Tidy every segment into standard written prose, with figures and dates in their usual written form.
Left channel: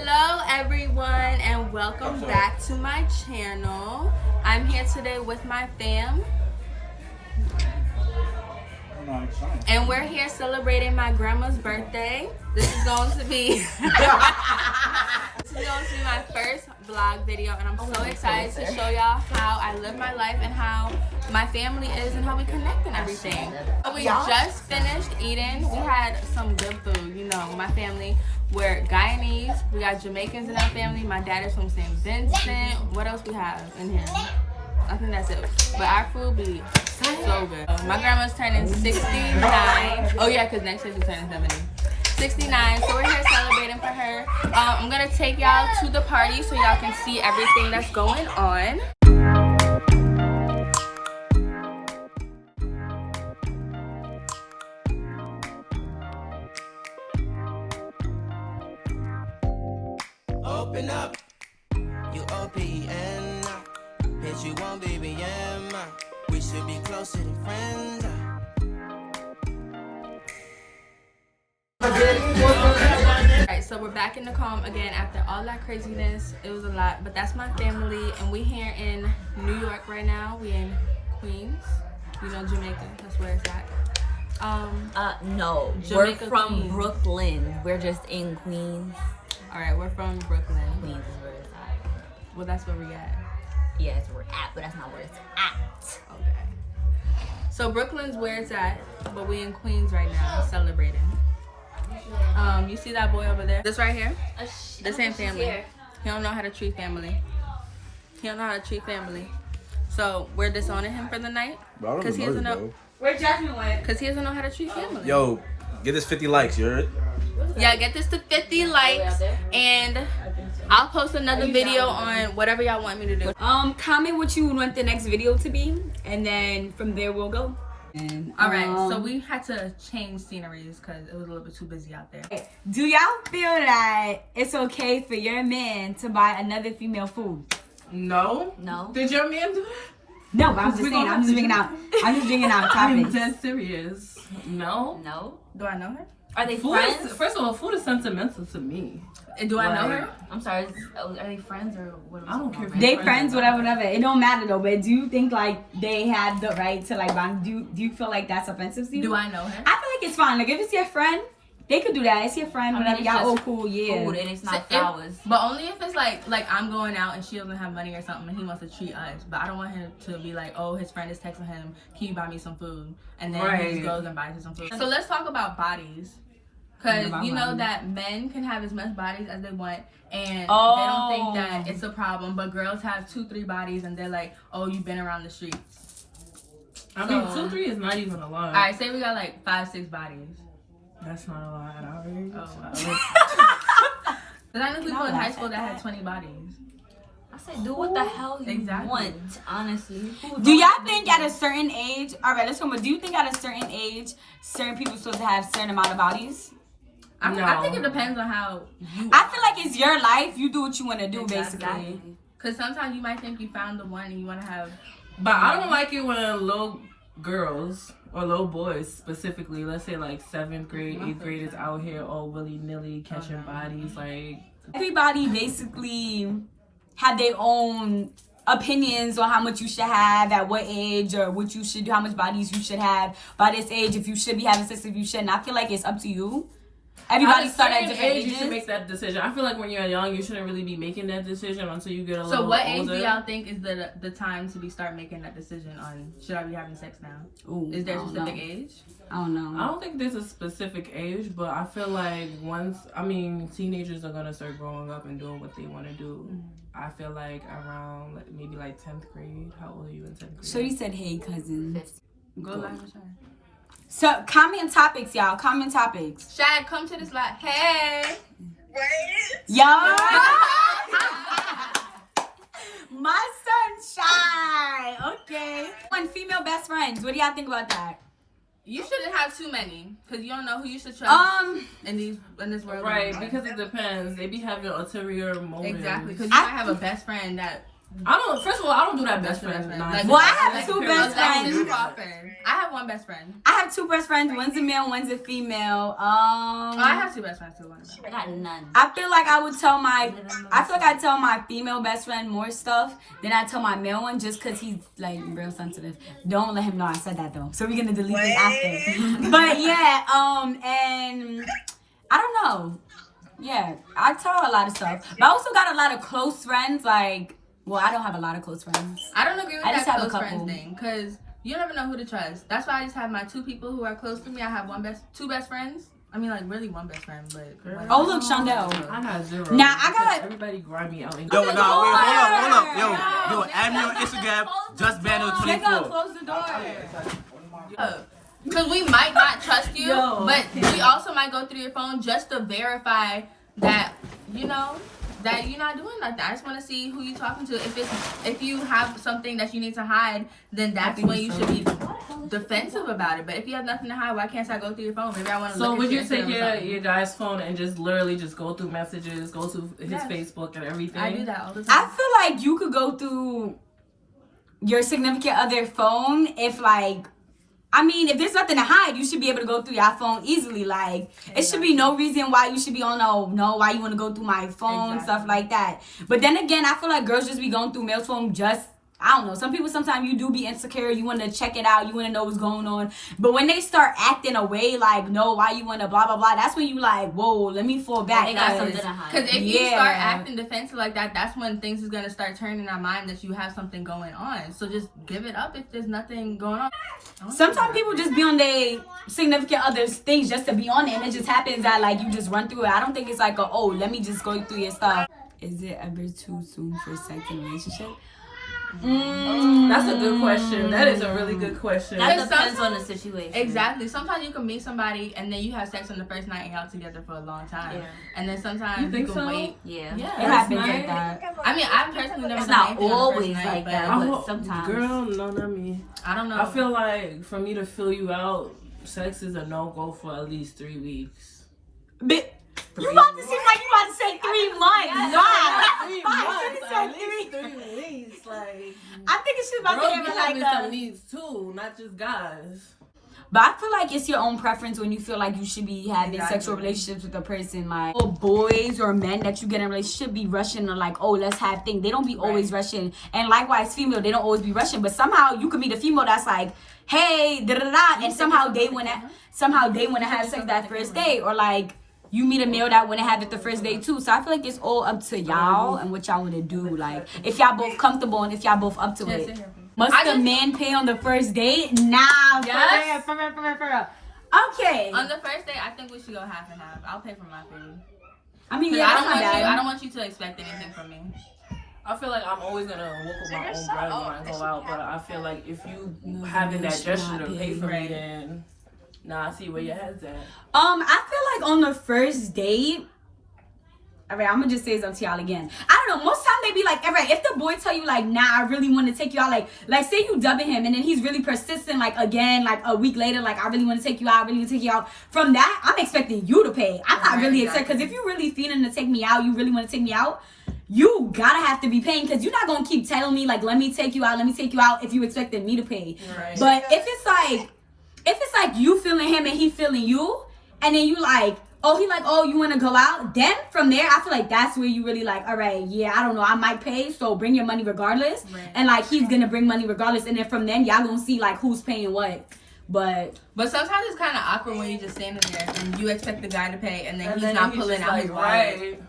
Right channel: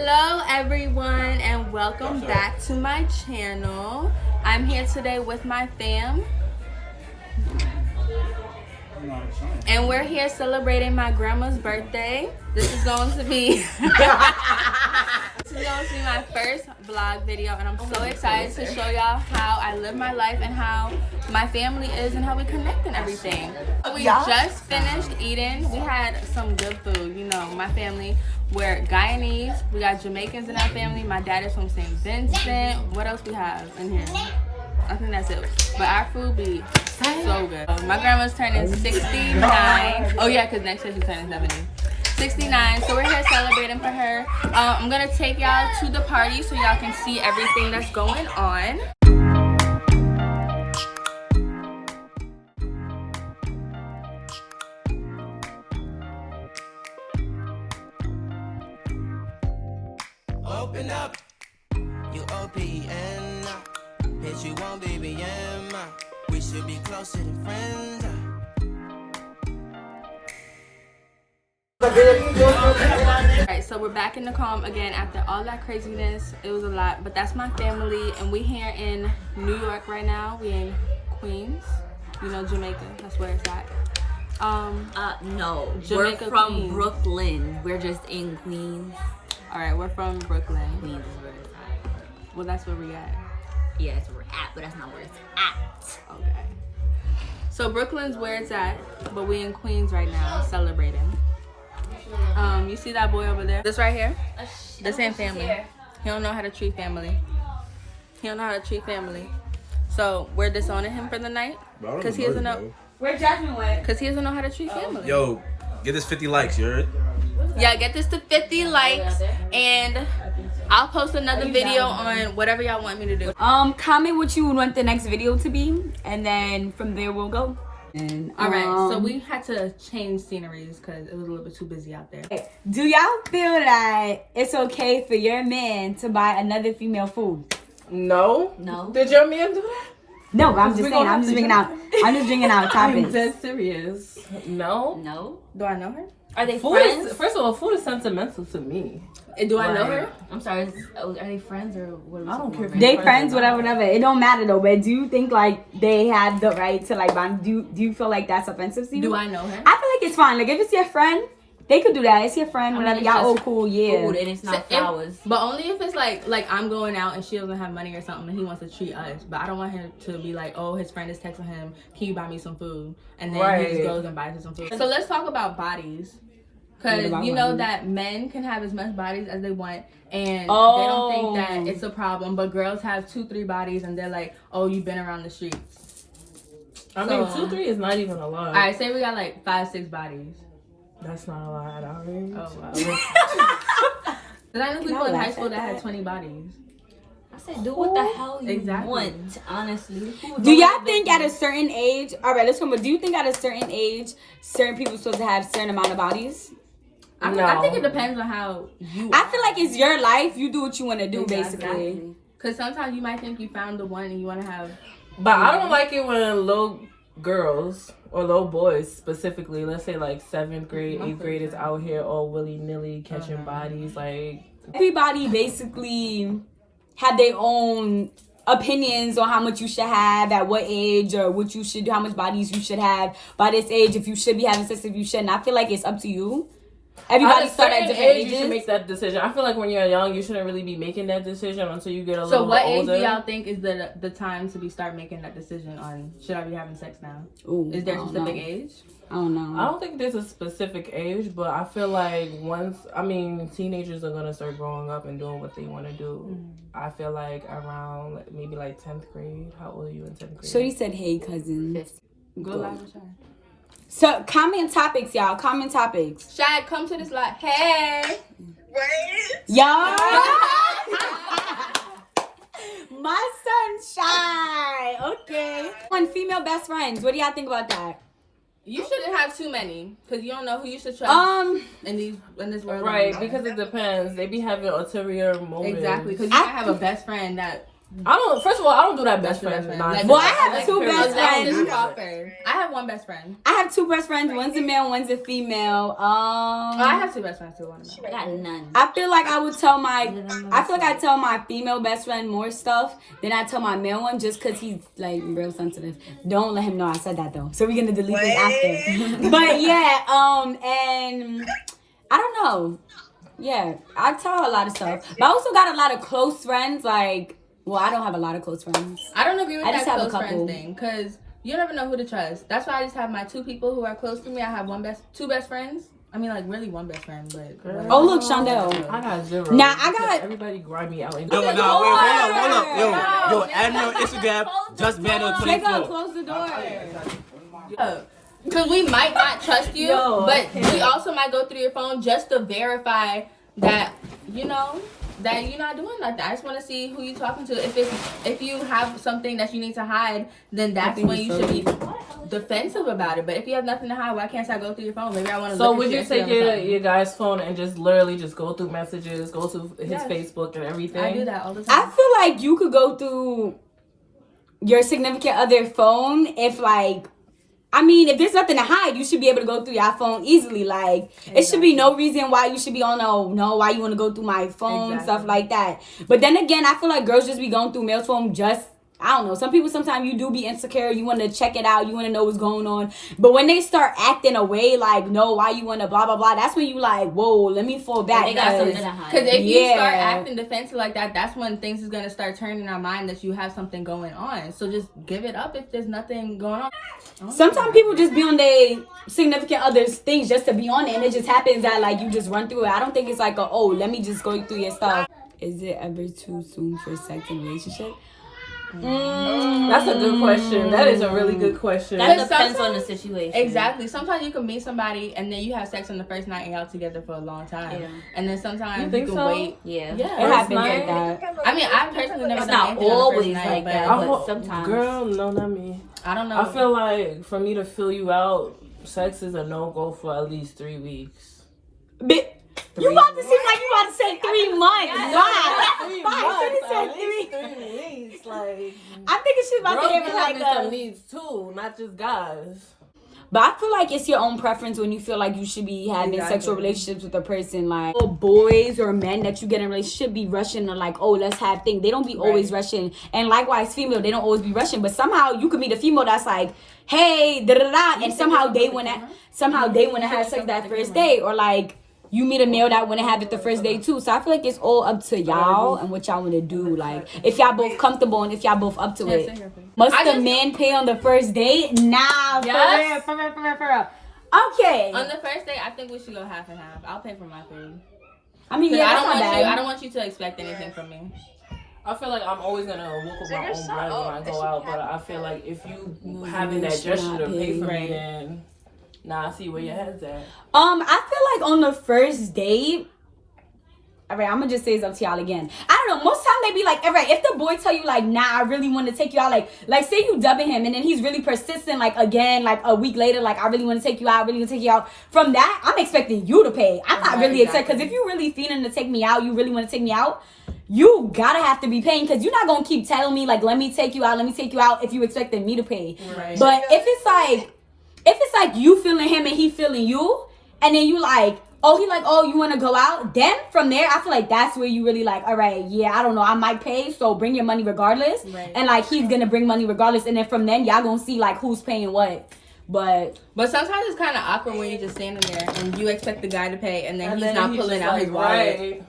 Hello everyone and welcome back to my channel. I'm here today with my fam and we're here celebrating my grandma's birthday. This is going to be my first vlog video, and I'm so excited to show y'all how I live my life and how my family is and how we connect and everything. We just finished eating. We had some good food. You know, my family, we're Guyanese. We got Jamaicans in our family. My dad is from St. Vincent. What else we have in here? I think that's it. But our food be so good. My grandma's turning 69. Oh yeah, because next year she's turning 70. 69, so we're here celebrating for her. I'm gonna take y'all to the party so y'all can see everything that's going on. Open up, you OPN, bitch, you won't BBM. We should be closer than friends. Alright, so we're back in the calm again after all that craziness. It was a lot, but that's my family, and we here in New York right now. We in Queens, you know, Jamaica. That's where it's at. No, Jamaica, we're from Queens. Brooklyn. We're just in Queens. All right, we're from Brooklyn. Queens is where it's at. Well, that's where we at. Yeah, that's where we're at, but that's not where it's at. Okay. So Brooklyn's where it's at, but we in Queens right now celebrating. You see that boy over there? This right here? This ain't family. He don't know how to treat family. He don't know how to treat family. So we're disowning him for the night because he doesn't know. Where Jasmine went? Because he doesn't know how to treat family. Yo, get this 50 likes, you heard? Yeah, get this to 50 likes, and I'll post another video on whatever y'all want me to do. Comment what you would want the next video to be, and then from there we'll go. All right, so we had to change sceneries because it was a little bit too busy out there. Do y'all feel that it's okay for your man to buy another female food? No. No. Did your man do that? No, but I'm just saying. I'm just bringing out I'm topics. dead serious. No. No. Do I know her? Are they Food friends? is, first of all, food is sentimental to me. Do I know her? I'm sorry. Are they friends or what? I don't care if They friends, whatever. It don't matter though. But do you think like they had the right to like buy? Do you feel like that's offensive to you? Do I know her? I feel like it's fine. Like if it's your friend, they could do that. It's your friend. I mean, Whatever. it's Y'all just cool. Yeah. Food and it's not So flowers. But only if it's like I'm going out and she doesn't have money or something and he wants to treat us. But I don't want him to be like, oh, his friend is texting him, can you buy me some food? And then he just goes and buys her some food. So let's talk about bodies. Because you know that men can have as much bodies as they want, and they don't think that it's a problem. But girls have 2-3 bodies, and they're like, "Oh, you've been around the streets." I mean, 2-3 is not even a lot. All right, say we got like 5-6 bodies. That's not a lot at our age. Oh wow. Then I knew people in high school that had 20 bodies. I say, do what the hell you Exactly. want. Honestly. Do y'all think at a certain age? All right, let's come. Do you think at a certain age, certain people supposed to have a certain amount of bodies? I think it depends on how you. I feel like it's your life. You do what you want to do, Exactly. basically. Because sometimes you might think you found the one and you want to have. But I don't like it when little girls or little boys specifically, let's say like 7th grade, 8th grade, is out here all willy-nilly catching bodies. Like Everybody basically have their own opinions on how much you should have at what age or what you should do, how much bodies you should have by this age, if you should be having sex, if you shouldn't. I feel like it's up to you. Everybody start at different ages. You should make that decision. I feel like when you're young, you shouldn't really be making that decision until you get a little older. So what age do y'all think is the time to start making that decision on should I be having sex now? Ooh, Is there a I don't specific know. age? I don't know. I don't think there's a specific age, but I feel like teenagers are gonna start growing up and doing what they want to do. I feel like around maybe like 10th grade. How old are you in 10th grade? So you said, hey, cousin. Go live with Shad. So comment topics, y'all. Comment topics. Shad, come to this live. Hey. Y'all. My son's shy. Okay. One female best friends. What do y'all think about that? You shouldn't have too many because you don't know who you should trust in this world. Right, because it depends. They be having ulterior motives. Exactly, because you might have a best friend that First of all, I don't do that best friend. Like, well, I have two best Alexis friends. Crawford. I have one best friend. I have two best friends. One's a male, one's a female. I have two best friends too. One of them. I got none. I feel like I tell my female best friend more stuff than I tell my male one, just because he's like real sensitive. Don't let him know I said that though. So we're gonna delete this after. But yeah, and I don't know. Yeah, I tell a lot of stuff, but I also got a lot of close friends. Like, well, I don't have a lot of close friends. I don't agree with I that just have a close couple. friends thing, because you never know who to trust. That's why I just have my two people who are close to me. I have two best friends. I mean, like, really one best friend, but... whatever. Oh, look, Shondell. I got zero. Nah, I got... Everybody grind me out. Yo, no, wait, hold up. Yo, add me on Instagram, just Mando They gonna 24. close the door. Because we might not trust you, but we also might go through your phone just to verify that, that you're not doing like that. I just want to see who you're talking to. If you have something that you need to hide, then that's when you should be defensive about it. But if you have nothing to hide, why can't I go through your phone? Maybe I want to. So would you take your guy's phone and just literally just go through messages, go through his Facebook and everything? I do that all the time. I feel like you could go through your significant other phone if if there's nothing to hide, you should be able to go through your phone easily. Like, it should be no reason why you should be on, why you want to go through my phone, stuff like that. But then again, I feel like girls just be going through male's phone just, I don't know. Some people, sometimes you do be insecure. You want to check it out. You want to know what's going on. But when they start acting away, like, no, why you want to blah, blah, blah, that's when you like, whoa, let me fall back. Because if you start acting defensive like that, that's when things is going to start turning in our mind that you have something going on. So just give it up if there's nothing going on. Sometimes people just be on their significant others things just to be on it. And it just happens that, like, you just run through it. I don't think it's like, let me just go through your stuff. Is it ever too soon for sex in a relationship? That's a good question. That is a really good question. That depends on the situation. Exactly. Sometimes you can meet somebody and then you have sex on the first night and y'all together for a long time. Yeah. And then sometimes you can wait. Yeah. It happens like that. I mean, I've personally never It's done not anything on the always first night, like but that, but sometimes. Girl, no, not me. I don't know. I feel like for me to fill you out, sex is a no-go for at least 3 weeks. You about to seem like you about to say 3 months. God. 3 months. 3 weeks. Like, I think it's about to be like some needs too, not just guys. But I feel like it's your own preference when you feel like you should be having sexual relationships with a person. Like, boys or men that you get in a relationship be rushing to like, let's have things. They don't be always rushing. And likewise, female, they don't always be rushing. But somehow you could meet a female that's like, hey, da-da-da. And somehow they want to have sex that first day. Or like, you meet a male that want to have it the first day too. So I feel like it's all up to y'all and what y'all want to do. Like, if y'all both comfortable and if y'all both up to it. Must the man pay on the first date? Nah, for real. Okay. On the first date, I think we should go half and half. I'll pay for my food. I mean, I don't want you to expect anything from me. I feel like I'm always gonna work with my own brand when I go out, but I feel like if you having that gesture to pay for me, then I see where your head's at. I feel like on the first date, alright, I'm gonna just say it's up to y'all again. I don't know, most time they be like, alright, if the boy tell you like, nah, I really want to take you out, like say you dubbing him and then he's really persistent, like again, like a week later, like I really want to take you out, from that, I'm expecting you to pay. I'm not really expecting, because if you really feeling to take me out, you really want to take me out, you gotta have to be paying, because you're not gonna keep telling me like, let me take you out if you expecting me to pay. Right. But if it's like you feeling him and he feeling you, and then you like, you want to go out? Then from there, I feel like that's where you really like, all right, yeah, I don't know, I might pay, so bring your money regardless. Right. And like, he's going to bring money regardless. And then from then, y'all going to see like who's paying what. But sometimes it's kind of awkward when you're just standing there and you expect the guy to pay and then he's not pulling out his wallet. Right.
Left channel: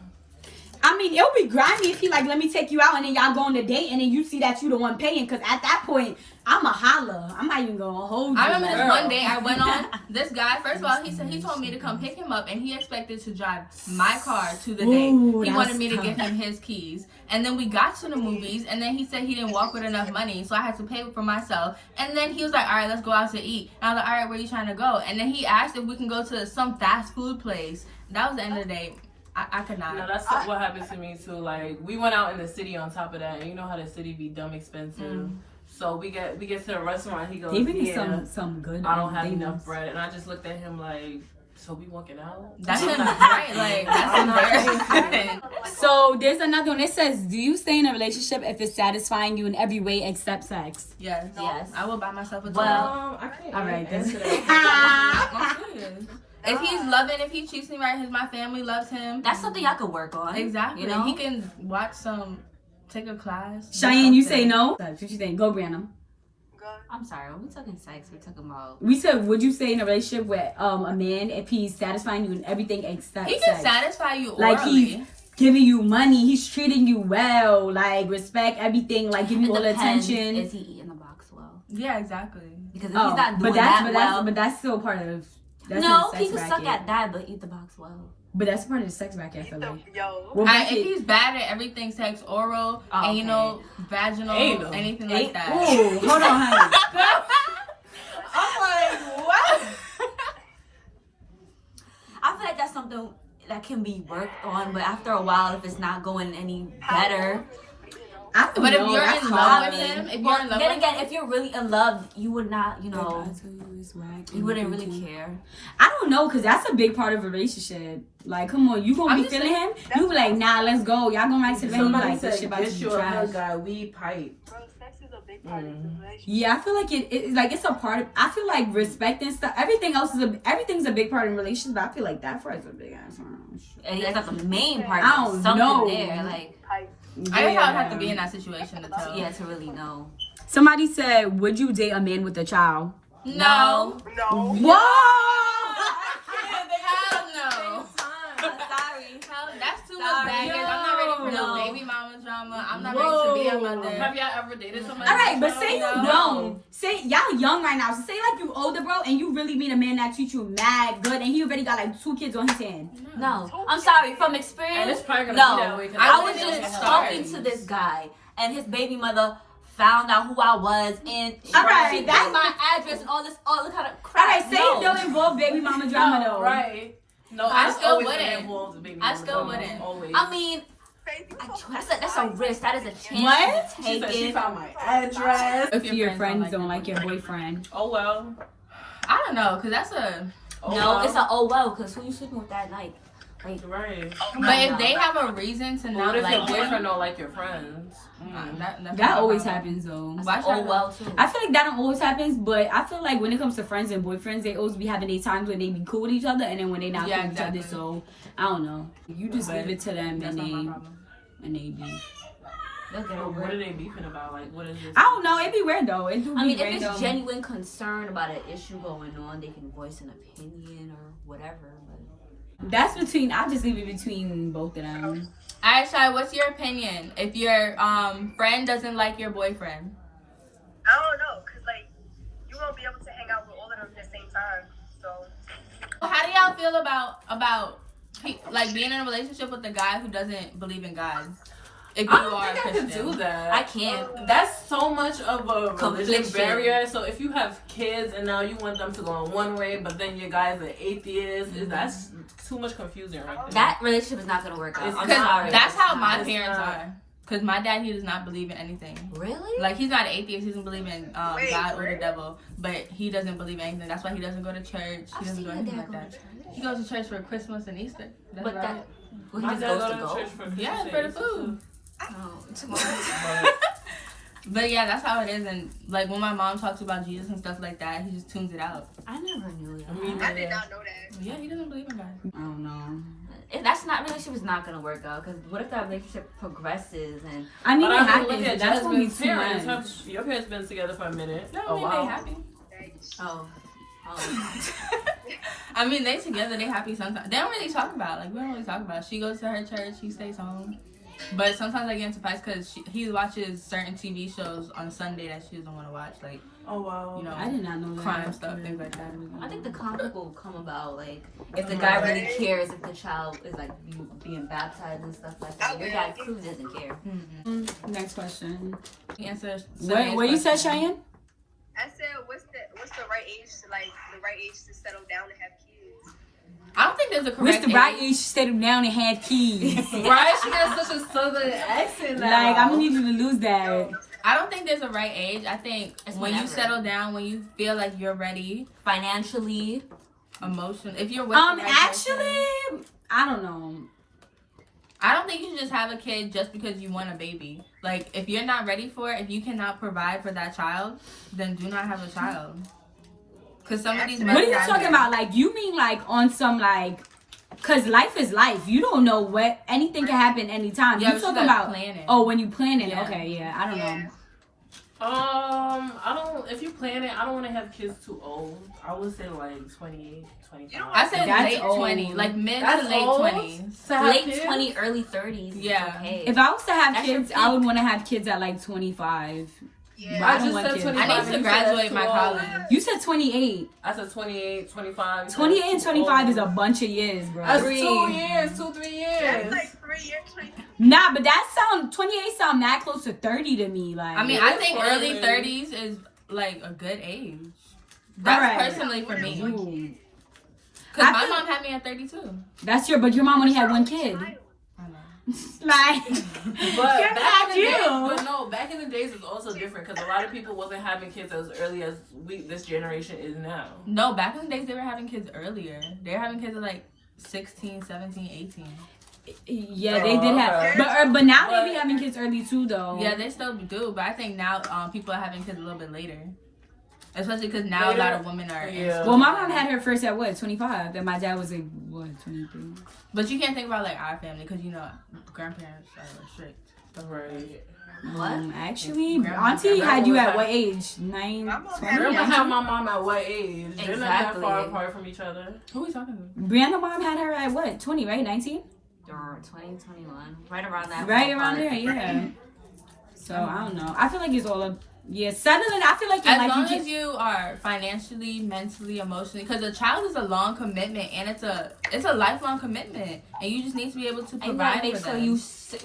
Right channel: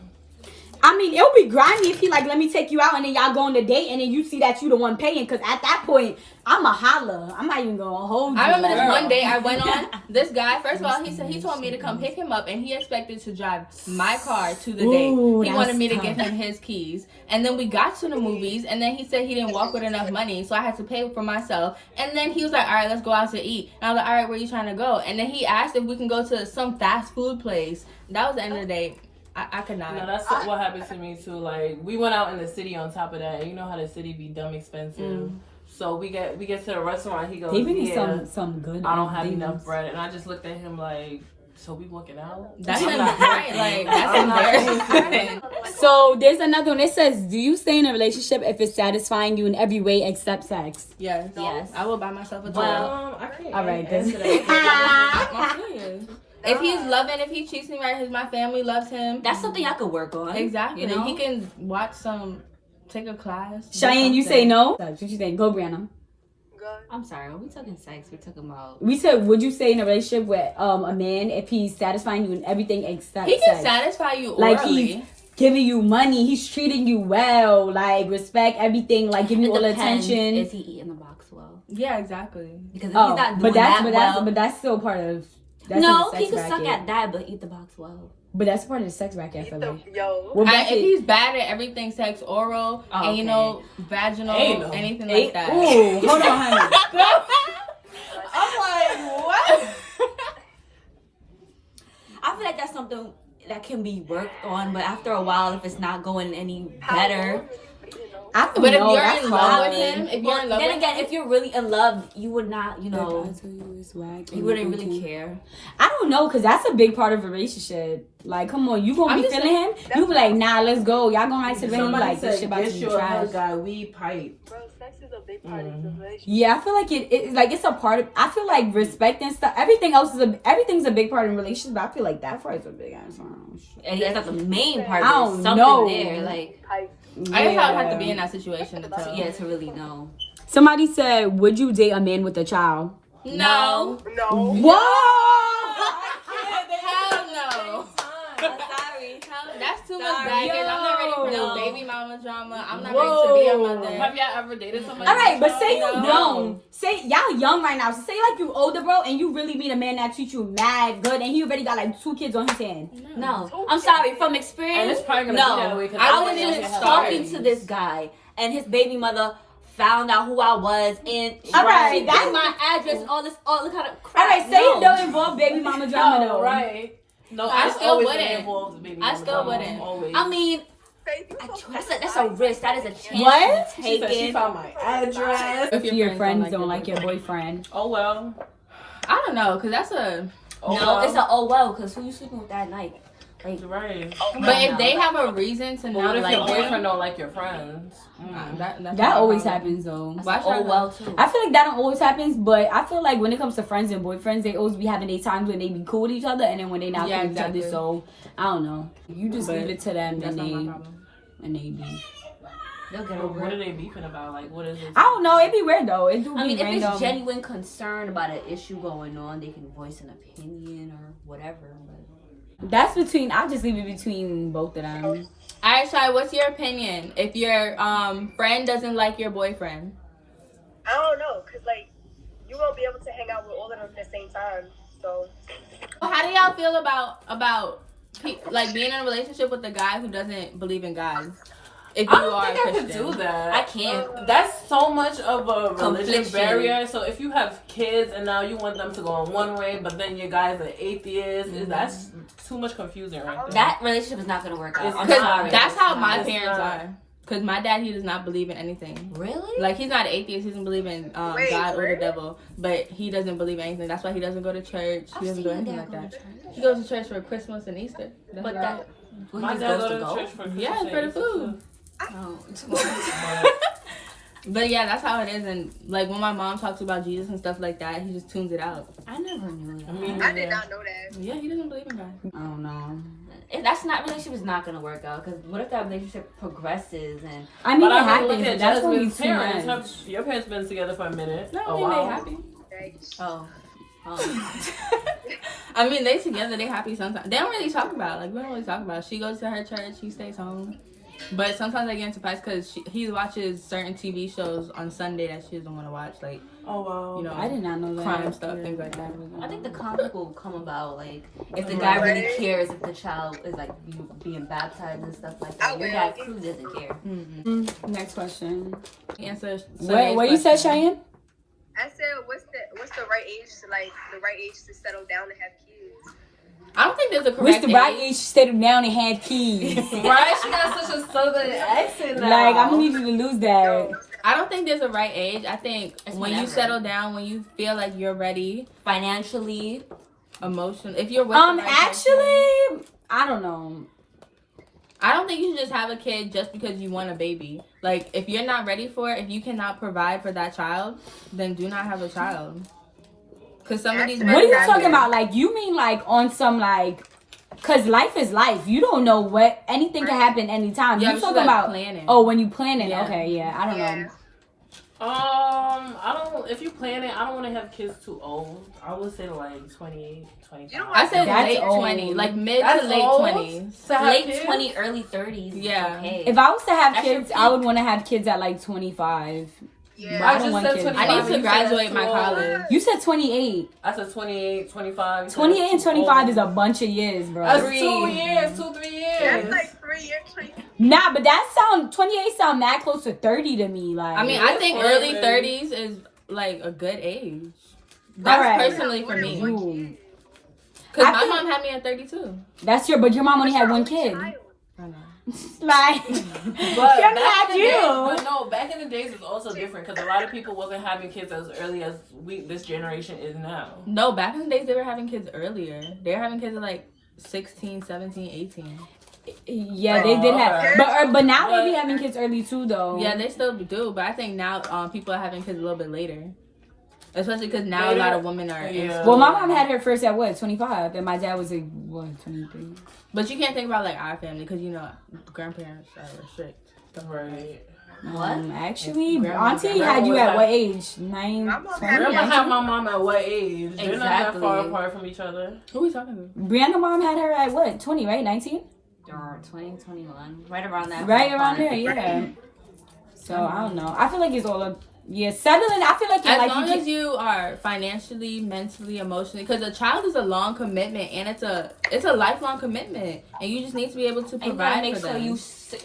I mean, it'll be grimy if he like, let me take you out, and then y'all go on the date, and then you see that you the one paying, because at that point, I'm a holler. I'm not even gonna hold you. I remember this one day I went on, this guy, first of all, he told me to come pick him up, and he expected to drive my car to the date. He wanted me to give him his keys. And then we got to the movies, and then he said he didn't walk with enough money, so I had to pay for myself. And then he was like, all right, let's go out to eat. And I was like, all right, where are you trying to go? And then he asked if we can go to some fast food place. That was the end of the day. I could not. No, that's what happened to me too. Like, we went out in the city on top of that, and you know how the city be dumb expensive. So we get to the restaurant. He goes, some good. I don't have enough bread, and I just looked at him like, So we walking out? That's right. Like, that's embarrassing. So there's another one. It says, do you stay in a relationship if it's satisfying you in every way except sex? Yes. Yes. I will buy myself a toy. I can't. All right, answer then. that. I'm serious. If he's loving, if he treats me right, my family loves him. That's something I could work on. Exactly. You know? He can take a class. Cheyenne, you say no? What you think? Go, Brianna. I'm sorry. When we talking sex, we're talking about. We said, would you stay in a relationship with a man if he's satisfying you in everything except He can sex? satisfy you orally. Like he's giving you money, he's treating you well, like respect, everything, like giving you all the attention. Is he eating the box well? Yeah, exactly. Because if he's not doing but that's still part of. That's no, in the sex he could bracket. suck at that, but eat the box well. But that's part of the sex bracket. I feel like. If he's bad at everything, sex, oral, anal, vaginal, anything like that. Ooh, hold on, honey. I'm like, what? I feel like that's something that can be worked on, but after a while, if it's not going any better. But if you're in love with him, then again, if you're really in love, you would not, you know, you wouldn't really care. I don't know, because that's a big part of a relationship. Like, come on, you gonna be feeling him? You be like, nah, let's go. Y'all gonna ride to the him like, this shit about to be trash. Guy, we pipe. Bro, sex is a big part of the relationship. Yeah, I feel like it's a part of. I feel like respect and stuff. Everything's a big part in relationships. But I feel like that part is a big ass. And it's not the main part. I don't something know. There, like. I guess I would have to be in that situation to tell. Yeah, to really know. Somebody said, would you date a man with a child? No. Whoa! Hell no. Sorry. That's too much baggage. I'm not ready for no baby mama drama. I'm not ready to be a mother. Have y'all ever dated somebody? All right, but say you No. don't. Say y'all young right now. So say like you older, bro, and you really meet a man that treats you mad good, and he already got like 2 kids on his hand. No. I'm sorry. From experience, And it's probably gonna no. be that way. 'Cause I was wouldn't just get talking started. to this guy, and his baby mother found out who I was, and All right, she got my address, all this kind of crap. All right, say it don't involve baby mama drama though. Right. No, I it's still always wouldn't. gonna involve the baby I mama still drama, wouldn't. always. I mean, that's a risk. That is a chance What? to She take said she it. found my address. If your friends don't like your boyfriend. Oh well. I don't know, cause that's a. Oh, No, well. it's a oh well, because who you sleeping with that night? Like, Right. But if they have a reason to What not if your like boyfriend him, don't like your friends? that's That not a always problem. happens though. Why oh should I- well too. I feel like that don't always happens, but I feel like when it comes to friends and boyfriends, they always be having their times when they be cool with each other, and then when they not Yeah, cool with exactly. each other. So I don't know. You just But leave it to them, That's and not my they problem. beef. They'll get What over are it. they beefing about? Like, what is it? I don't know. It be weird though. It do be I mean, if random. it's genuine concern about an issue going on, they can voice an opinion or whatever. But That's between. I just leave it between both of them. Alright, Shai, what's your opinion? If your friend doesn't like your boyfriend, I don't know, cause like you won't be able to hang out with all of them at the same time. So how do y'all feel about like being in a relationship with a guy who doesn't believe in God? If you I don't are a think I Christian, could do that. I can't. That's so much of a religion Confliction. barrier. So if you have kids and now you want them to go in one way, but then your guy's an atheist, that's too much confusion right there. That relationship is not gonna work out. I'm because sorry. that's how my It's parents not. are. Because my dad, he does not believe in anything. Really? Like, he's not an atheist. He doesn't believe in God or the devil. But he doesn't believe in anything. That's why he doesn't go to church. He doesn't do anything like that. He goes to church for Christmas and Easter. That's But right. Well, My he just dad goes go to to go. church for Christmas Yeah, and for the Easter, food. Oh. But yeah, that's how it is. And like when my mom talks about Jesus and stuff like that, he just tunes it out. I never knew that. I did not know that. Yeah, he doesn't believe in God. I don't know. If that's not relationship is not gonna work out, because what if that relationship progresses and I mean, But it I mean, happens. look But at that's gonna be Jasmine's too parents. much. Your parents been together for a minute. No, a I mean, while. they happy. oh. I mean, they together, they happy sometimes. They don't really talk about it. Like, we don't really talk about it. She goes to her church, he stays home. But sometimes I get into fights because he watches certain TV shows on Sunday that she doesn't want to watch. Like, Oh wow. you know, I did not know that. crime stuff, things like that. I think the conflict will come about like if the guy really cares, if the child is like being baptized and stuff like that. Your dad clearly doesn't care. Mm-hmm. Next question. Answer. What you said, Cheyenne? I said, what's the right age to settle down and have kids? I don't think there's a What's correct the right age. age to settle down and have kids? Right? She got such a southern accent now. Like, I'm gonna need you to lose that. I don't think there's a right age. I think It's when you whenever. settle down, when you feel like you're ready, Financially, emotional. If you're with the right actually, person, I don't know. I don't think you should just have a kid just because you want a baby. Like, if you're not ready for it, if you cannot provide for that child, then do not have a child. Because some of these What are you mothers out talking here- about? Like, you mean like on some like, because life is life. You don't know what, anything can happen anytime. Yeah, You but talking she's, about planning. Oh, when you plan it. Yeah. Okay, yeah. I don't know. I don't. If you plan it, I don't want to have kids too old. I would say like 28, 25. I said That's late old. 20s, like mid That's to late old? 20s. To have Late kids? 20s, early 30s. Yeah. Okay. If I was to have That's your kids, I would want to have kids at like 25. Yeah. But I don't just want said kids. 25. I need You to said graduate that's my too college. old. You said 28. I said 28, 25. You said 28 and that's too 25 old. is a bunch of years, bro. That's 3 2 years, 2-3 That's years. like 3 years. Nah, but 28 sound that close to 30 to me. Like, I mean, Yeah, I it's think fine, early man. 30s is like a good age. That's Alright. personally for me. Ooh. Because I my think- mom had me at 32. But your mom only had one kid. I know. Like, But Should've back had in the days, you. but no, back in the days it's also different because a lot of people wasn't having kids as early as this generation is now. No, back in the days, they were having kids earlier. They were having kids at like 16, 17, 18. yeah, they did have. okay. But now But- they be having kids early too, though. Yeah, they still do, but I think now people are having kids a little bit later. Especially because now a Later? lot of women are in Yeah. school. Well, my mom had her first at what, 25, and my dad was like, what, 23. But you can't think about like our family because you know grandparents are strict. Right. What? Actually, Grandma- Auntie had you at what age? 9, My mom 20? had Remember how my mom at what age? They're not that Exactly. far apart from each other. Who are we talking to? Brianna's mom had her at what, 20, right? 19? Or 2021. Right around that. Right around ballpark. there, yeah. So, I don't know. I feel like it's all up. Yeah, settling. I feel like As like long you as you are financially, mentally, emotionally, because a child is a long commitment and it's a lifelong commitment, and you just need to be able to And you gotta provide make for sure them. you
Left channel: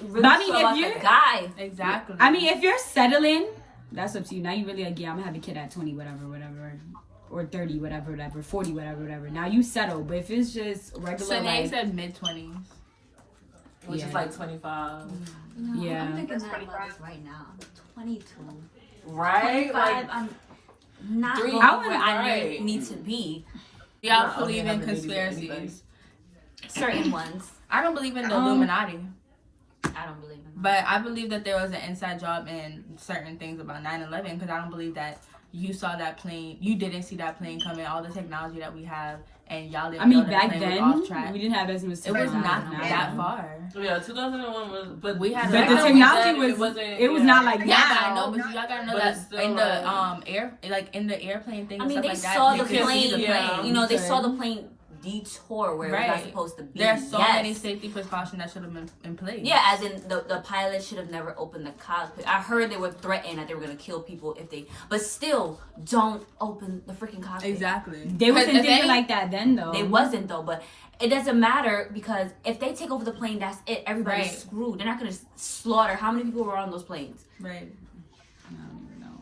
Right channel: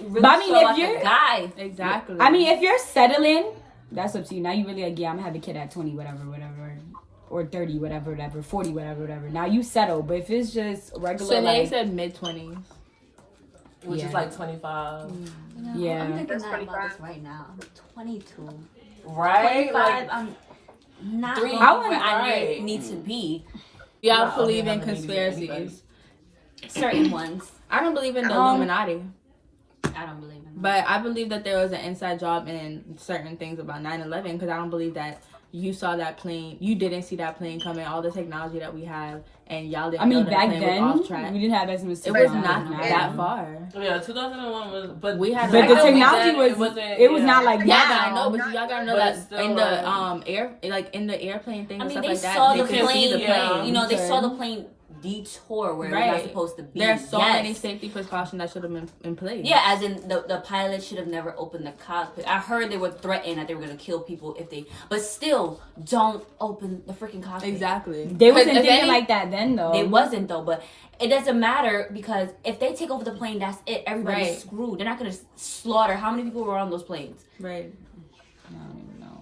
really But I mean, show if us you're- a guy. Exactly. I mean, if you're settling, that's up to you. Now you really like, yeah, I'm gonna have a kid at 20, whatever, or 30, whatever, 40, whatever. Now you settle. But if it's just regular, so they like, said mid 20s. Which is Yeah. like 25. You know, Yeah. I'm thinking That's that about 25. this right now. I'm 22. Right? 25, Like, I'm not Three- going I where wouldn't- I right. need to be. Y'all Not believe in having babies with anybody. conspiracies. Certain ones. I don't believe in the Um, Illuminati, I don't believe in them. but I believe that there was an inside job in certain things about 9/11 because I don't believe that you saw that plane, you didn't see that plane coming, all the technology that we have, and y'all didn't I mean, know that back plane then was off track. we didn't have as much. It was technology not as now. that far. yeah, 2001 was, but We had But Back the then we technology said was. wasn't- It was yeah. not like Yeah, now. but I know, but y'all gotta know But that it's still, in the in the airplane thing I and mean, stuff they like that, saw they the could see the plane. plane. You know, they Okay. saw the plane detour where it's not Right. supposed to be. There's so Yes. many safety precautions that should have been in place. Yeah, as in the pilot should have never opened the cockpit. I heard they were threatened that they were gonna kill people if they, but still, don't open the freaking cockpit. Exactly. They wasn't 'Cause if thinking any- like that then, though. They wasn't though, but it doesn't matter because if they take over the plane, that's it. Everybody's Right. screwed. They're not gonna slaughter. How many people were on those planes? Right. I don't even know.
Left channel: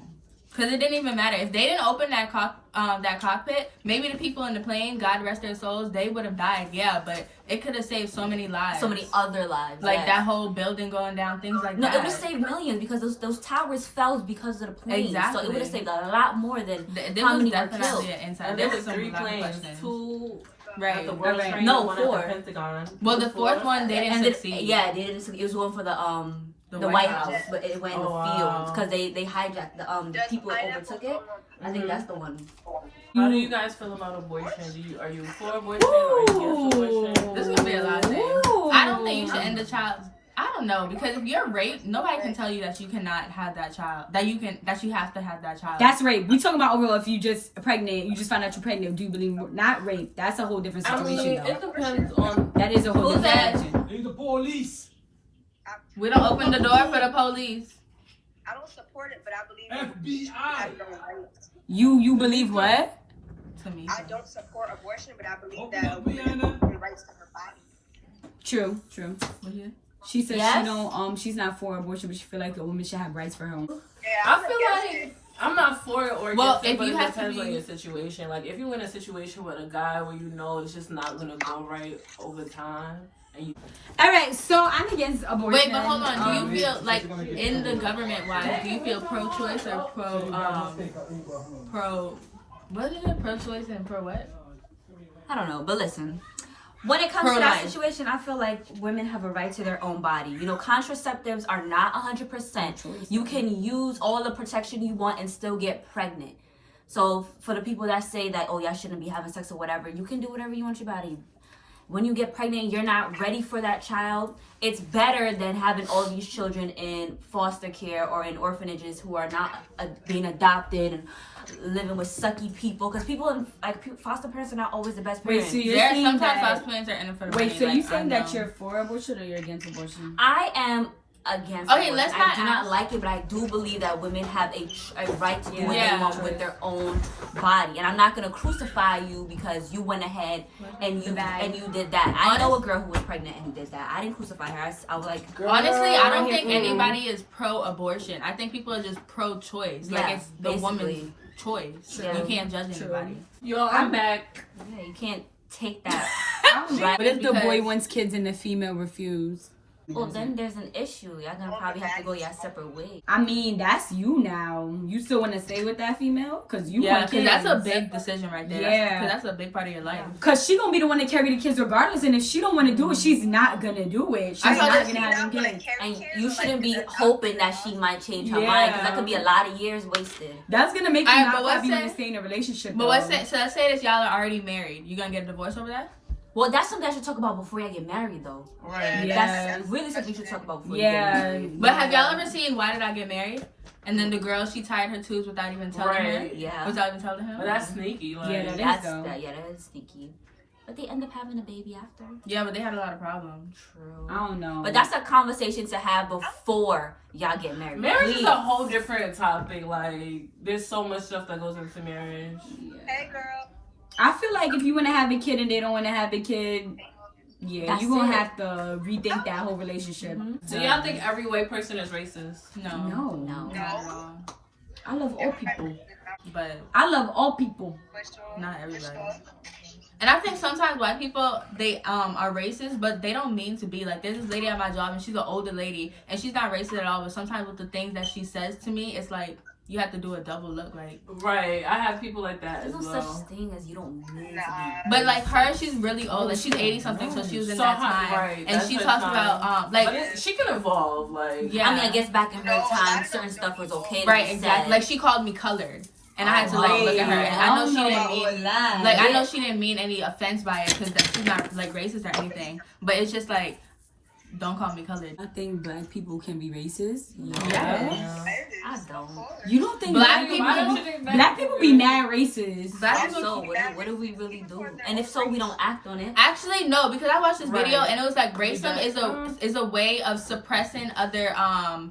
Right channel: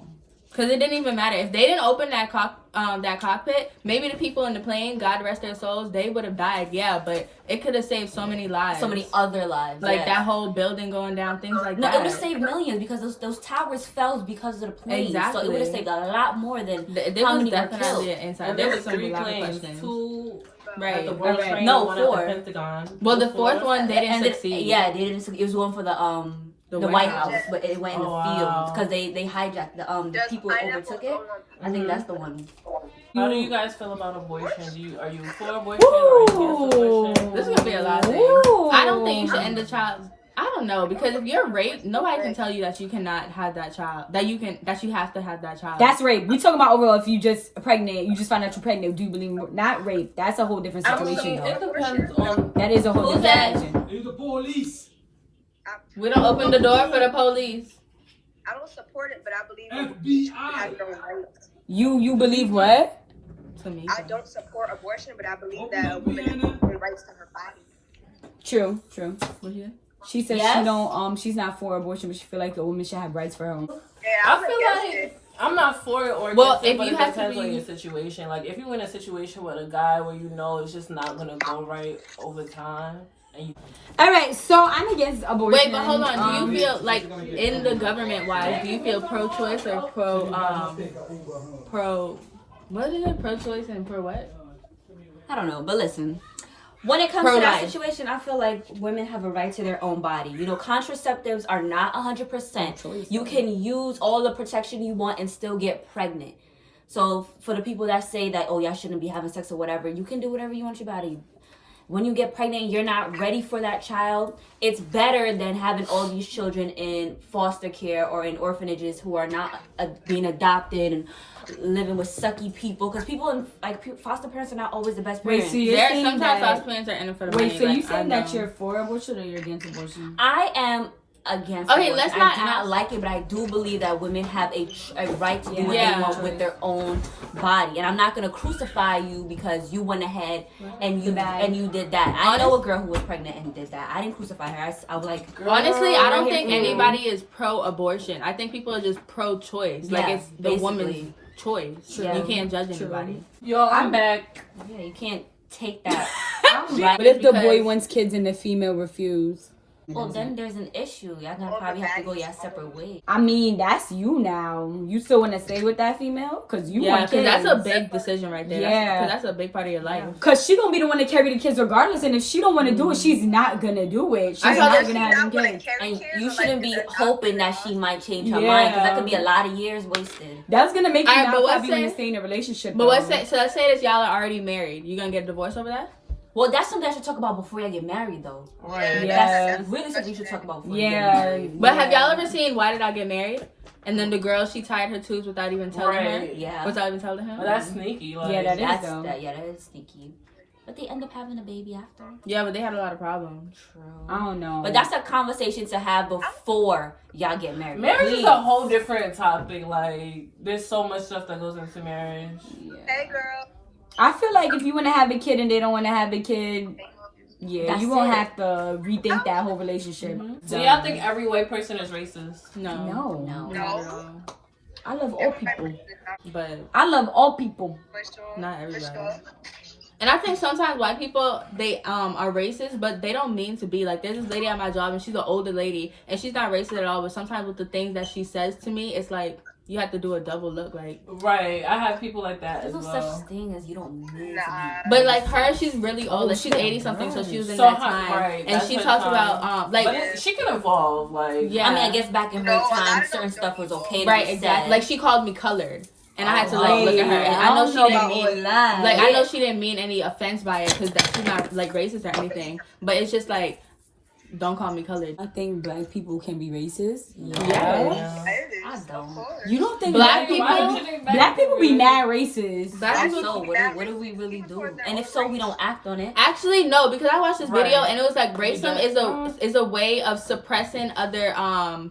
Because it didn't even matter if they didn't open that cockpit. Maybe the people in the plane, God rest their souls, they would have died. Yeah, but it could have saved so many lives. So many other lives. like yes. that whole building going down, things like No, that. it would have saved millions because those towers fell because of the plane. So Exactly. it would have saved a lot more than There how was many were definitely killed. an inside. And There there was was some 3 lot of planes, questions. 2 at Right. the World Right. Trade, No, 1 at 4. the Pentagon. Well, the Was fourth one they didn't And then, succeed. yeah, they didn't. It was one for the White House, but it went in the Oh, fields wow. because they hijacked the people overtook it. I think that's the one. How do you guys feel about abortion? Are you for abortion or against abortion? This is gonna be a lot of things. I don't think you should end a child. I don't know, because if you're raped, nobody can tell you that you cannot have that child. That you have to have that child. That's rape. We talking about overall. If you just pregnant, you just find out you're pregnant. Do you believe not rape? That's a whole different I situation. mean, though. it depends on. That is a whole Who different that? situation. You the police. we don't open the door for the police. I don't support it, but I believe it FBI. has no rights. You believe what? To me, I don't support abortion, but I believe Open that a up, woman has Brianna. equal rights to her body. True. what you? She says she Yes? don't. She's not for abortion, but she feel like a woman should have rights for her own. Yeah, I I'm feel against like it. I'm not for it or Well, against it, if but you it have to depends on be- your situation. Like if you're in a situation with a guy where you know it's just not gonna go right over time, and you All right, so I'm against abortion. Wait, but hold on. Do you feel like in the government wise, do you feel pro-choice or pro? What is it? Pro-choice and pro what? I don't know, but listen. When it comes to that situation, I feel like women have a right to their own body. You know, contraceptives are not 100%. You can use all the protection you want and still get pregnant. So for the people that say that, oh, y'all shouldn't be having sex or whatever, you can do whatever you want your body. When you get pregnant, you're not ready for that child. It's better than having all these children in foster care or in orphanages who are not being adopted and living with sucky people. Because people in foster parents are not always the best parents. Wait, so Sometimes foster parents are in it for the money. Wait, so you saying that you're for abortion or you're against abortion? I am against okay, abortion. let's not I do not like it, but I do believe that women have a right to do what they want with their own body. And I'm not gonna crucify you because you went ahead and you did that. I know a girl who was pregnant and did that. I didn't crucify her. I was like, honestly, I don't think anybody is pro-abortion. I think people are just pro-choice. Like it's the woman's choice. Yeah. You can't judge anybody. Yo, I'm back. Yeah, you can't take that. Right? But if the boy wants kids and the female refuse? Well, then there's an issue. Y'all gonna probably have to go your separate ways. I mean, that's you now. You still want to stay with that female? Because you want kids. Because that's a big decision right there. Yeah. Because that's a big part of your life. Because she going to be the one to carry the kids regardless. And if she don't want to do it, she's not going to do it. She's not going to have them kids. And you shouldn't be hoping that she might change her mind. Because that could be a lot of years wasted. That's going to make you not have you want to stay in a relationship. But so let's say that y'all are already married. You going to get a divorce over that? Well, that's something I should talk about before y'all get married, though. Right. Yeah. That's really something you should talk about before you get married. But have y'all ever seen Why Did I Get Married? And then the girl, she tied her tubes without even telling her? Yeah. Without even telling him? Well, that's sneaky. Like, yeah, that is sneaky. But they end up having a baby after. Yeah, but they had a lot of problems. True. I don't know. But that's a conversation to have before y'all get married. Marriage is a whole different topic. Like, there's so much stuff that goes into marriage. Yeah. Hey, girl. I feel like if you want to have a kid and they don't want to have a kid, you're going to have to rethink that whole relationship. Mm-hmm. Do y'all think every white person is racist? No. No. Not at all. I love all people. But I love all people. not everybody. And I think sometimes white people, they are racist, but they don't mean to be. Like, there's this lady at my job, and she's an older lady, and she's not racist at all, but sometimes with the things that she says to me, it's like, you have to do a double look, like. Right, I have people like that There's as no well. such thing as you don't need to be. But like her, she's really old. Like she's 80-something, so she was in that time. Right, and she talks about like she can evolve, like. Yeah. I mean, I guess back in her time, certain stuff was okay. Right, exactly. Like she called me colored. And I had to like look at her, and I know she didn't mean like I know she didn't mean any offense by it because she's not like racist or anything. But it's just like, don't call me colored. I think black people can be racist. Yeah. I don't. You don't think Black people be mad racist? Black So people. what do we really do? And if so, we don't act on it. Actually, no, because I watched this video Right. and it was like racism is a way of suppressing other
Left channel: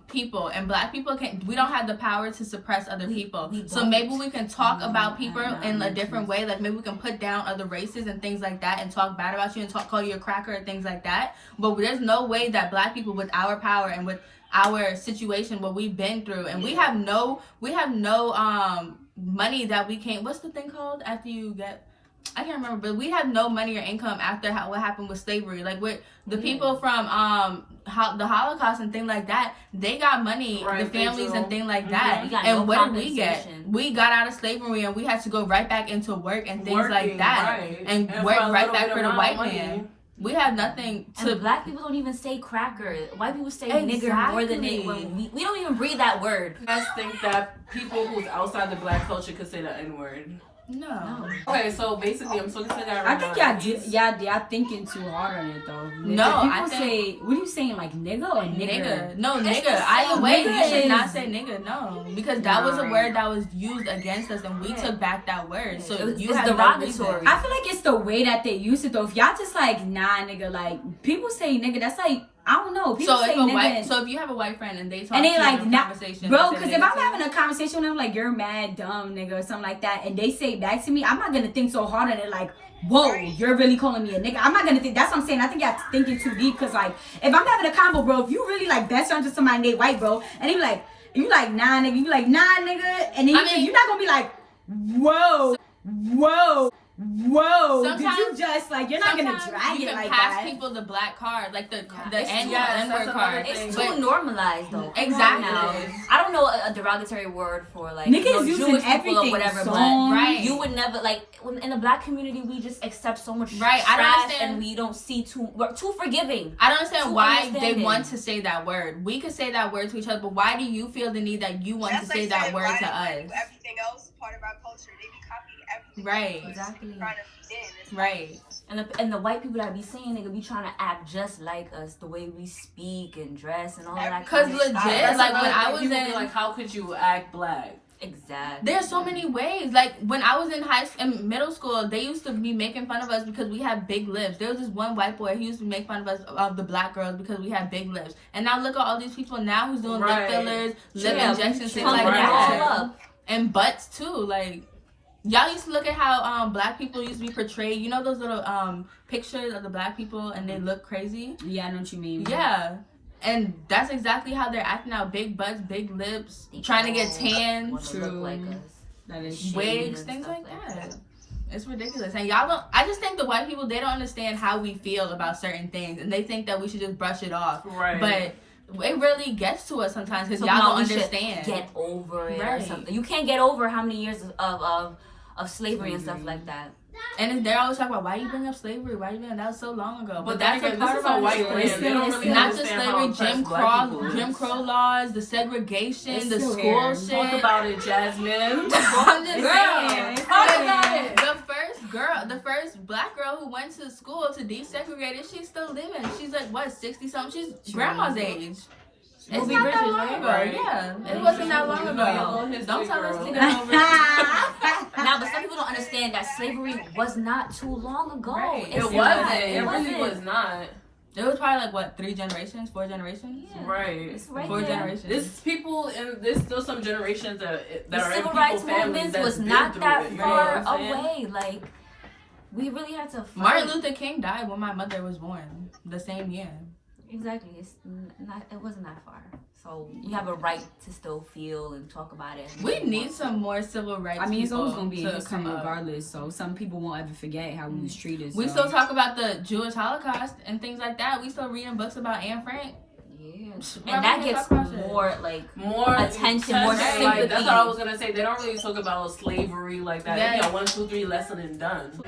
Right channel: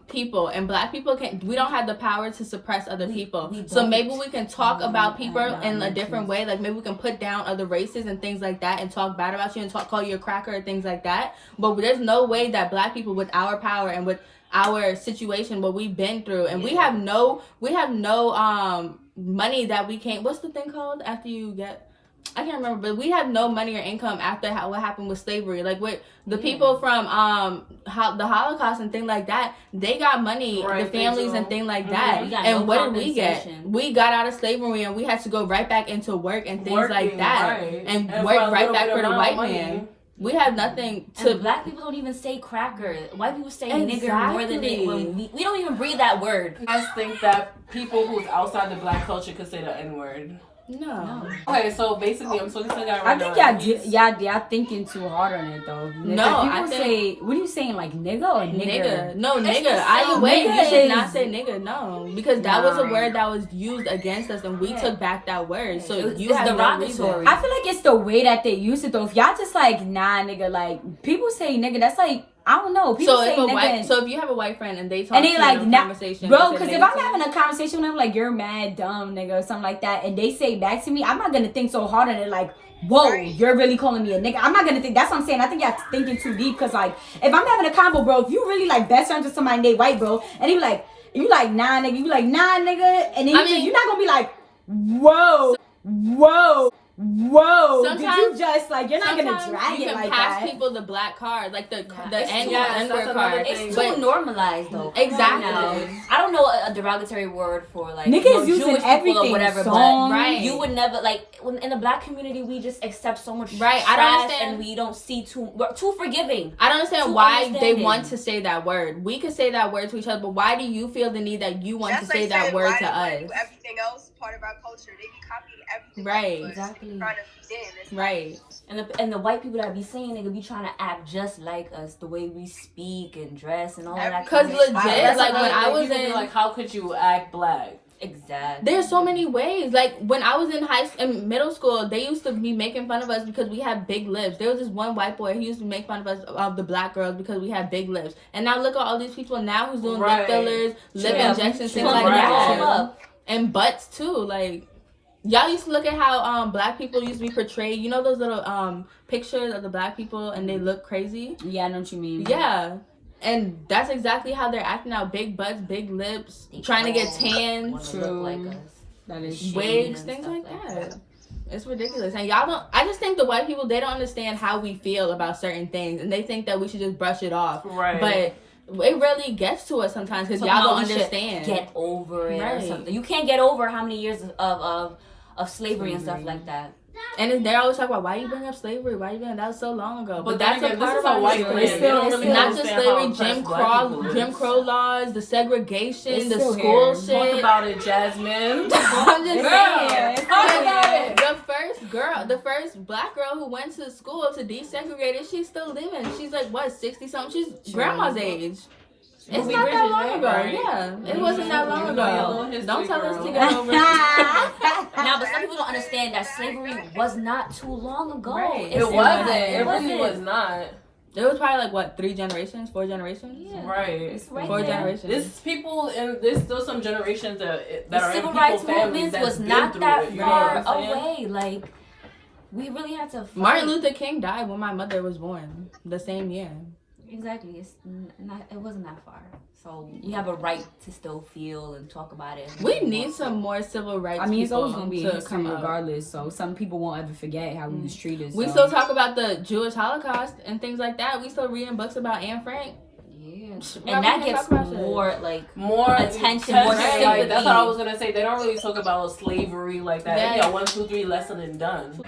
people, and black people we don't have the power to suppress other people. So maybe we can talk about people in a different way. Like maybe we can put down other races and things like that, and talk bad about you and call you a cracker and things like that. But there's no way that black people with our power and with our situation, what we've been through, and we have no money that we can't. What's the thing called after you get? I can't remember, but we have no money or income after what happened with slavery. Like with the people from the Holocaust and things like that, they got money, Right, the families and things like that. We got And no what did we get? compensation. We got out of slavery and we had to go right back into work and things like that, right. and for work a right little back bit for the amount white of money. man. We have nothing to. And black people don't even say cracker. White people say nigger more than they. We don't even breathe that word. You guys think that people who's outside the black culture could say the N-word? No. Okay, so basically, I'm talking to a guy I right think now. y'all thinking too hard on it though. No, I People say, what are you saying, like nigga or nigger? Nigga. No, nigga. Either way, you should not is- say nigga. No, because that was a word that was used against us, and we took back that word. So you it's have no derogatory. reason. I feel like it's the way that they use it though. If y'all just like nah nigga, like people say nigga, that's like I don't know. People So say if a nigga white, so if you have a white friend and they talk and they to like you in a nah, conversation, bro. they say Because if nigga I'm to you, having a conversation with them like you're mad dumb nigga or something like that, and they say back to me, I'm not gonna think so hard on it like. Whoa, you're really calling me a nigga. I'm not gonna think. That's what I'm saying. I think y'all thinking too deep. Cause like, if I'm having a combo, bro, if you really like best friends with somebody named white, bro, and you like nah, nigga, you like nah, nigga, and then you're not gonna be like, whoa, Whoa! Sometimes Did you just like you're not gonna drag you it can like pass that. people the black card, like the It's N-word card. It's But too normalized though. exactly. I don't know a derogatory word for like Niggas using Jewish people everything, or whatever, song. but Right. you would never like in the black community we just accept so much Right, I don't trash understand. and we don't see we're too forgiving. I don't understand Too why they understanding. want to say that word. We could say that word to each other, but why do you feel the need that you want That's to say like that saying, word why to do us? everything else part of our culture? They be copying everything. Right. else, but Exactly. trying to fit in. It's Right. And the white people that be saying they could be trying to act just like us, the way we speak and dress and all that. Cause kind of legit, shit. like when I was People be in, like, how could you act black? Exactly. there's so many ways. Like when I was in middle school, they used to be making fun of us because we have big lips. There was this one white boy who used to make fun of us, of the black girls, because we have big lips. And now look at all these people now who's doing Right. lip fillers, lip Yeah, injections, things pump like it that, all up. and butts too. Like y'all used to look at how black people used to be portrayed. You know those little pictures of the black people and they look crazy. Yeah, I know what you mean. Yeah. And that's exactly how they're acting now. Big butts, big lips, trying to get tan, Wanna look like us. That is wigs, and things stuff like like that. It's ridiculous. And y'all don't, I just think the white people, they don't understand how we feel about certain things. And they think that we should just brush it off. Right. But it really gets to us sometimes because Somehow y'all don't we should understand. Get over it or Right. something. You can't get over how many years of slavery and stuff like that. And they always talk about, why you bring up slavery? Why you bring that was so long ago? But then that's a again, part this of is a our white history. land. They don't really Not just understand how slavery, oppressed Jim black Crow laws, the segregation, It's the still school here. shit. Talk about it, Jasmine. I'm just saying. Talk about it. The first black girl who went to school to desegregate it, she's still living. She's like, what, 60 something? She's grandma's age. It's Ruby not that Bridges, long right? ago. Right. Yeah, it wasn't that long You know your ago. little history, Don't tell us to girl. get over it. Now, but some people don't understand that slavery was not too long ago. Right. It's It not. wasn't. It really wasn't. was not. It was probably like, what, 3 generations? 4 generations? Yeah. Right. It's right 4 there. generations. There's people, and there's still some generations that The are civil in rights people's families movement that's was been not through that it, you know far what I'm saying? away. Like, we really had to fight. Martin Luther King died when my mother was born, the same year. Exactly. It's not. It wasn't that far. So we have a right to still feel and talk about it. We need some more civil rights I mean, it's people always gonna be to a come come up. regardless. So some people won't ever forget how we was treated. We so. still talk about the Jewish Holocaust and things like that. We still reading books about Anne Frank. Yeah. Why And we that can't gets talk about shit? more like More attention, more like, sympathy. that's what I was gonna say. They don't really talk about slavery like that. Yeah. You know, 1, 2, 3 lesson and done.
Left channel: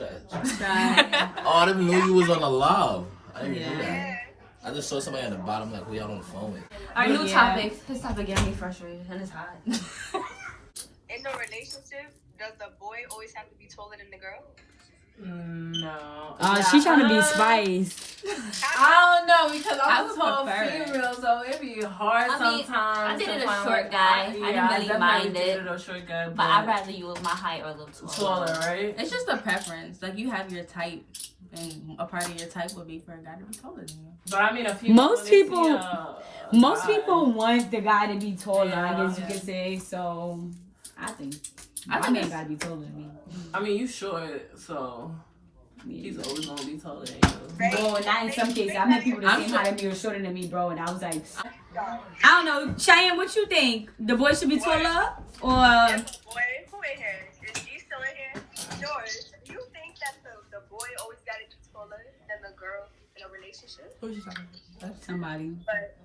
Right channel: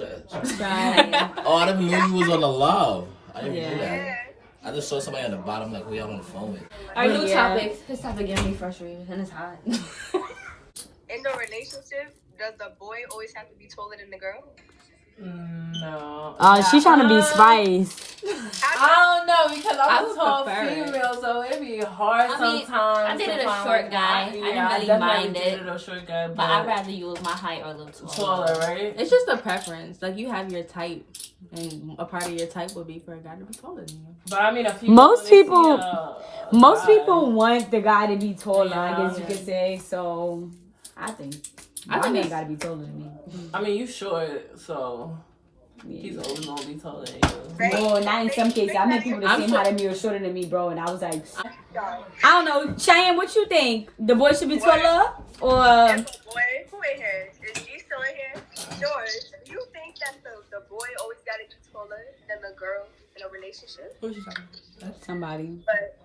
Oh, I didn't even know you was on the live. I didn't even know that. Yeah. I just saw somebody on the bottom, like, we out on the phone. our new Yeah. topic. This topic getting me frustrated and it's hot. In the relationship, does the boy always have to be taller than the girl? No. She's trying to be Spice. I don't know because I I'm would a tall prefer it. female, so it'd be hard I mean, sometimes. I dated to a find, short like, guy. I didn't really definitely mind it. dated a short guy, But I'd rather you was my height or a little taller. taller, right? It's just a preference. Like you have your type, and a part of your type would be for a guy to be taller than you. But I mean, Most when they people- see Most guy- people want the guy to be taller, Yeah. I guess you could say. So I think I my think man it's- gotta be taller than me. I mean, you short, so he's always gonna be taller than you. Well, not in some cases. I met people that I'm seem so- higher than me or shorter than me, bro, and I was like, I don't know, Cheyenne, what you think? The boy should be taller or? Boy, who in here? Is G still in here? George, do you think that the boy always gotta be taller than the girl in a relationship? Who's you talking about? Somebody. But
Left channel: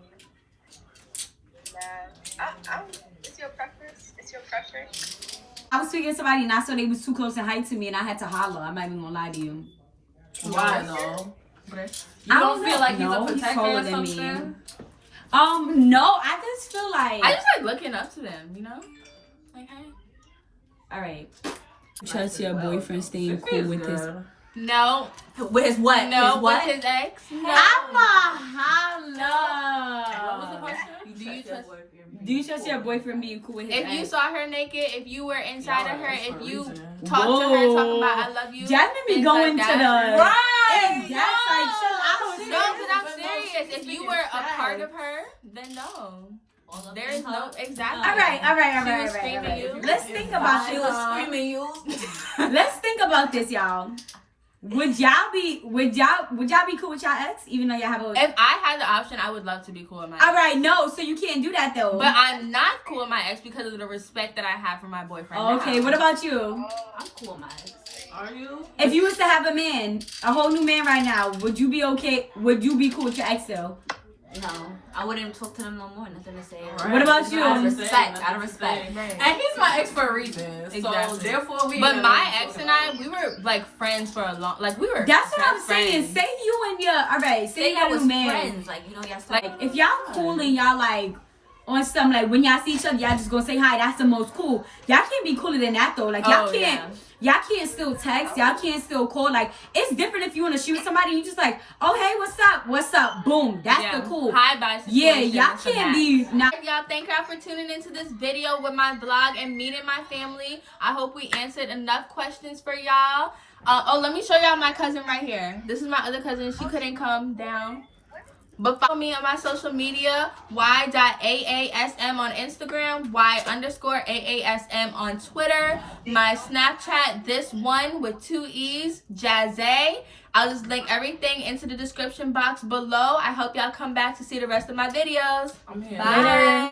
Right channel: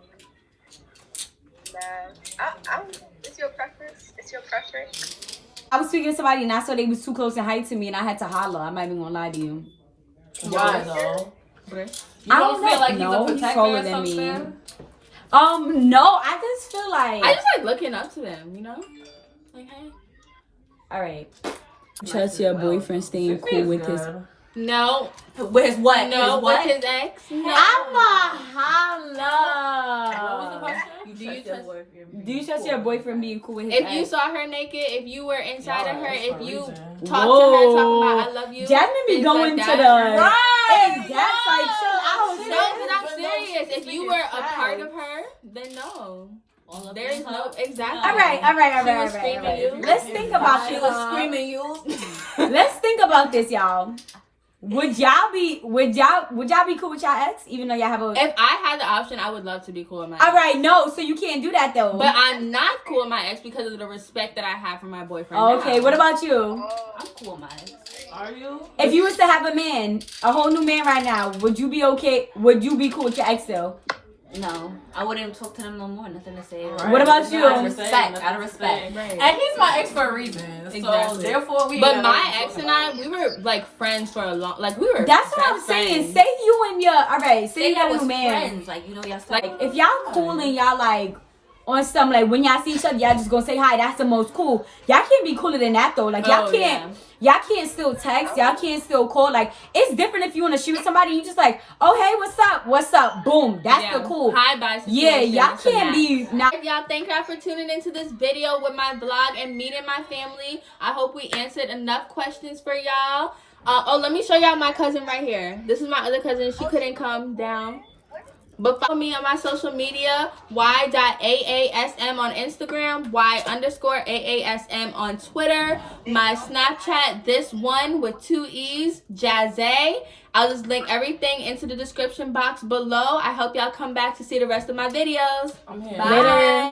nah, it's your preference. It's your preference. I was speaking to somebody and I saw they was too close in height to me and I had to holler. I'm not even gonna lie to you. Why no? You I don't don't feel know. like No, he's he's a protector taller or than me. something? No, I just feel like. I just like looking up to them, you know? Like, hey. All right. Trust your boyfriend staying cool with his. No. With his what? No, His what? with his ex. No. I'm a holla. What was the question? Do you trust your boyfriend being cool with his If ex? you saw her naked, if you were inside of her, Yeah, if you for a reason. talked to her talking about I love you. Jasmine be things going like to the that. That's like chill out. No, because I'm serious. If you were a part of her, then no. All of There is them, no huh? exactly. All right. She was screaming you. Let's think about She this. was screaming you. Let's think about this, y'all. Would y'all be cool with y'all ex, even though y'all have a? If I had the option, I would love to be cool with my ex. All right, no, so you can't do that though. But I'm not cool with my ex because of the respect that I have for my boyfriend. Okay, now. what about you? I'm cool with my ex. Are you? If you was to have a whole new man right now, would you be okay? Would you be cool with your ex still? No, I wouldn't talk to them no more. Nothing to say. Right. What about you? Out of respect. Out of respect. Right. And he's my ex for a reason. Exactly. So therefore we. But my ex and I, we were like friends for a long. Like we were. That's what I'm best saying. friends. Say you and your say you y'all got was a man. friends. Like, you know, y'all still Like if y'all cool and y'all like on some like when y'all see each other, y'all just gonna say hi. That's the most cool. Y'all can't be cooler than that though. Like y'all can't. Y'all can't still text. Y'all can't still call. Like, it's different if you in a shoot with somebody. You just like, oh, hey, what's up? What's up? Boom. That's the cool. Hi, bye. Yeah, y'all can't be. Now, y'all, thank y'all for tuning into this video with my vlog and meeting my family. I hope we answered enough questions for y'all. Let me show y'all my cousin right here. This is my other cousin. She couldn't come down. But follow me on my social media, y.aasm on Instagram, y_aasm on Twitter. My Snapchat, this one with 2 E's, Jazzy. I'll just link everything into the description box below. I hope y'all come back to see the rest of my videos. I'm here. Bye.